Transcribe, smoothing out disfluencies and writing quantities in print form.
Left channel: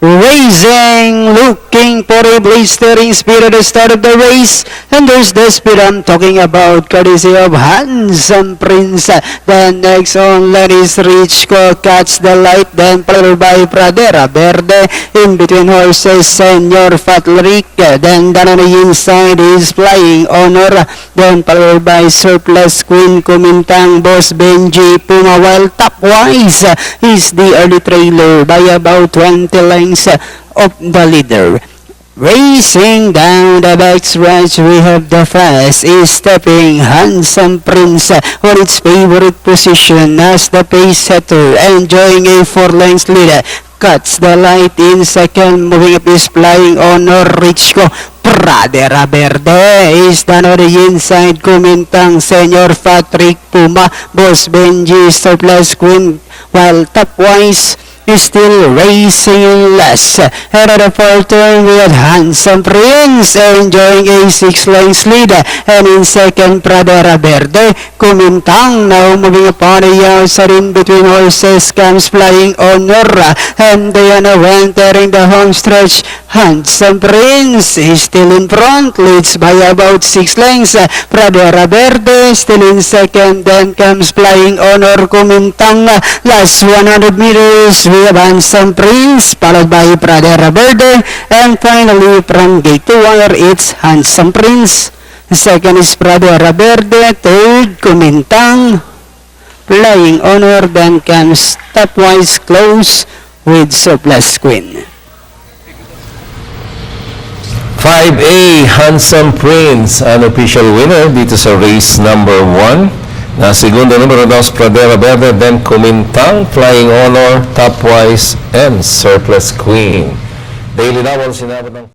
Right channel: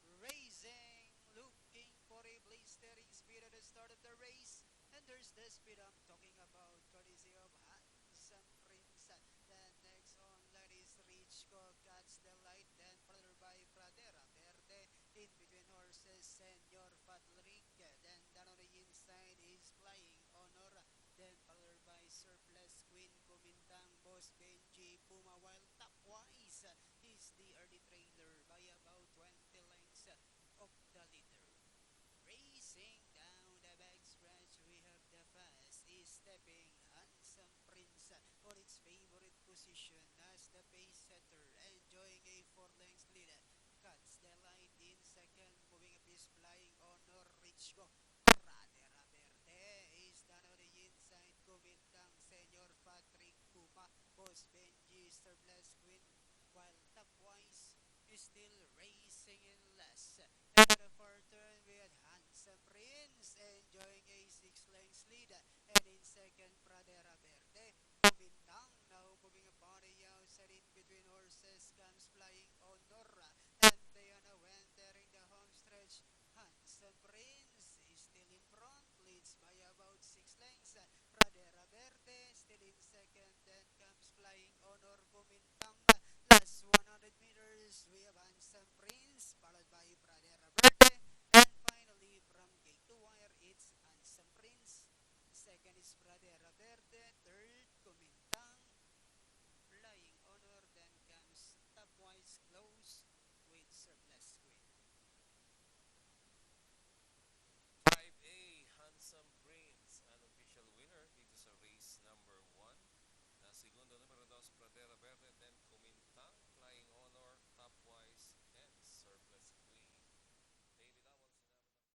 Racing, looking for a blistering speed at the start of the race. And there's the speed I'm talking about, courtesy of Handsome Prince. Then next on line is Richco, Catch the Light, then followed by Pradera Verde. In between horses, Senor Fatlic. Then down on the inside is Flying Honor. Then followed by Surplus Queen, Kumintang, Boss Benji, Puma. While top-wise is the early trailer by about 20 lengths of the leader. Racing down the backstretch, we have the fast is stepping Handsome Prince on its favorite position as the pace setter, enjoying a 4 lengths lead. Cuts the Light in second, moving up is Flying Honor. Richco, Pradera Verde is down on the inside, Kumintang, Senor Patrick, Puma, Boss Benji, Surplus Queen, while top-wise is still racing less. And at the fourth turn, we had Handsome Prince enjoying a 6 lengths lead. And in second, Pradera Verde. Kumintang now moving upon the outside. In between horses comes Flying Honor. And they are now entering the home stretch. Handsome Prince is still in front, leads by about 6 lengths. Pradera Verde still in second. Then comes Flying Honor. Kumintang. Last 100 meters, we have Handsome Prince, followed by Pradera Verde, and finally from gate to wire, it's Handsome Prince. Second is Pradera Verde, third Kumintang, Flying Honor, then comes top-wise close with Surplus Queen. 5A, Handsome Prince, an official winner dito sa race number 1. Na segundo numero 2, Pradera Verde, then Kumintang, Flying Honor, Topwise, and Surplus Queen. Daily Double, sinabot ng